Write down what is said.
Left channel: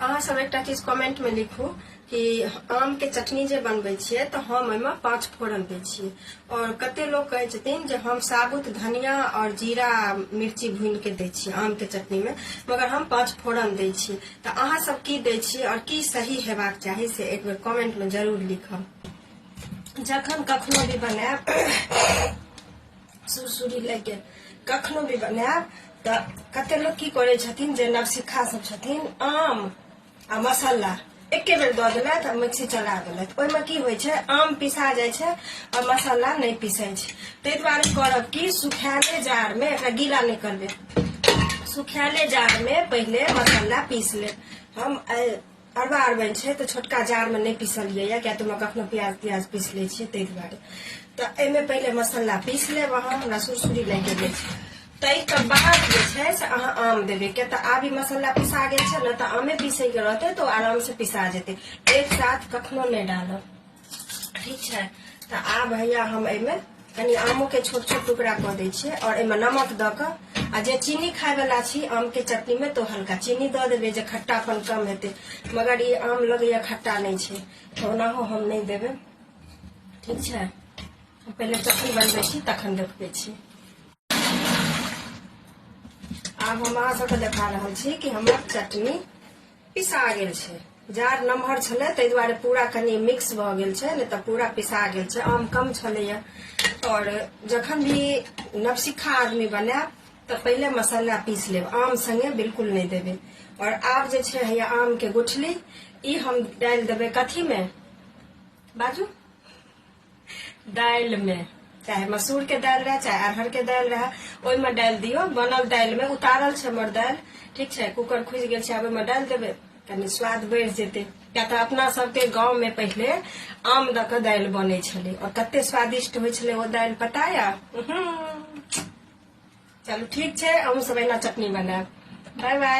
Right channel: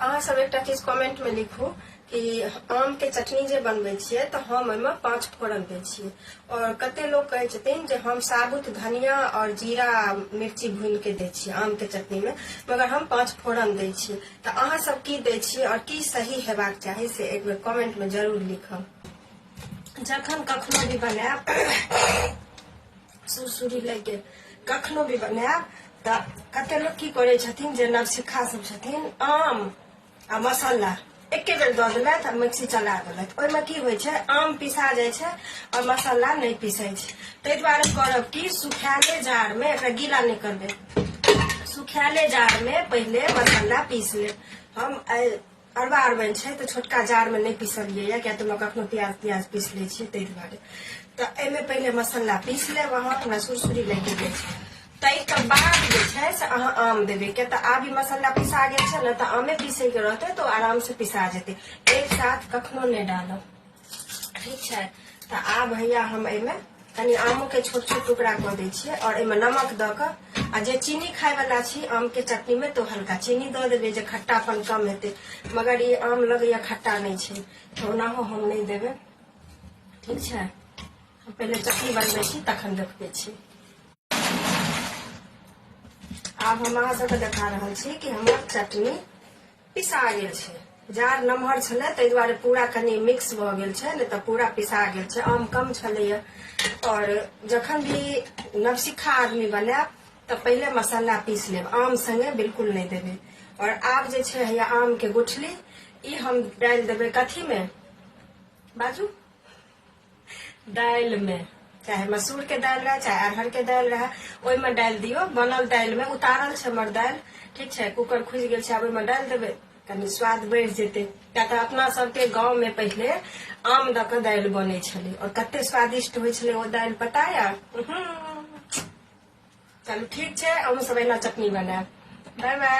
अहाँ सब एक चीज कमेंट में लिखू कि आम के चटनी जे बनबै छियै तो हम एहिमे 5 फोरन दै छियै और कते लोग कहै छथिन जे हम साबुत धनिया और जीरा मिर्ची भून के दै छियै आम के चटनी में, मगर हम 5 फोरन दै छियै। तो अहाँ सब की दै छियै और की सही हेबाक चाही से एक बेर कमेंट में जरूर लिखब। जखन कखनो भी बनायब सुरसुरी लग गेल, कखनो भी बनायब तो कते लोग की करे छथिन जे नवसिखा सब छथिन आम आ मसाला एके बेर दऽ देलथि आ मिक्सी चला देलथि। ओहिमे की होइ छै आम पिसा जाइ छै और मसाला नहीं पिसै छै। ताहि दुआरे करब कि सुखायले जार में, एकरा गीला नहीं करबे, सुखायले जार में पहले मसाला पीस ले। हम अरबा अरबनि छै तो छोटका जार में नहीं पीसलिए क्या तो कखनो प्याज प्याज पीस ले छियै ताहि दुआरे। तो एहिमे पहले मसाला पीस लेब। अहाँ हमरा सुरसुरी लागि गेल ताहिके बाद जे छै से अहाँ आम देबै, क्या तो आब मसाला पिसा गेल छै ने तो आमे पीसे के रहते तो आराम से पिसा जेते, एक साथ कखनो नहीं डालब, ठीक है। तो आब हैया हम एहिमे कनी आमो के छोट छोट टुकड़ा कऽ दै छियै और एहिमे नमक दऽ कऽ आ जे चीनी खाय वाला छी आम के चटनी में तो हल्का चीनी दऽ देबै जे खट्टापन कम हेतै, मगर ये आम लगैया खट्टा नहीं छै तो ओनाहो हम नहीं देबै, ठीक है। हम पहले चटनी बनबै छी तखन देखबै छी। आब हम अहाँ सबके देखा रहल छी कि हमर चटनी पिसा गेल छै। जार नमहर छलै ताहि दुआरे पूरा कनी मिक्स भऽ गेल छै, नहीं तो पूरा पिसा गेल छै। आम कम छलैया और जखन भी नवसिखा आदमी बनायब तो पहले मसाला पीस लेब, आम संगे बिल्कुल नहीं देबे। और आब जे छै हैया आम के गुठली ई हम डाल देबै कथी में, बाजू, दाल में, चाहे मसूर के दाल रहे चाहे अरहर के दाल रहे ओहिमे डाल दियो। बनल दाल में उतारल छै हमर दाल, ठीक है, कुकर खुज गेल छै, आब ओहिमे डाल देबै, कनी स्वाद बढ़ि जेतै। क्या तो अपना सबके गाँव में पहले आम दऽ कऽ दाल बनै छलै और कते स्वादिष्ट होइ छलै ओ दाल, पता या? चलू ठीक छै, हम सब एना चटनी बनायब। Bye bye.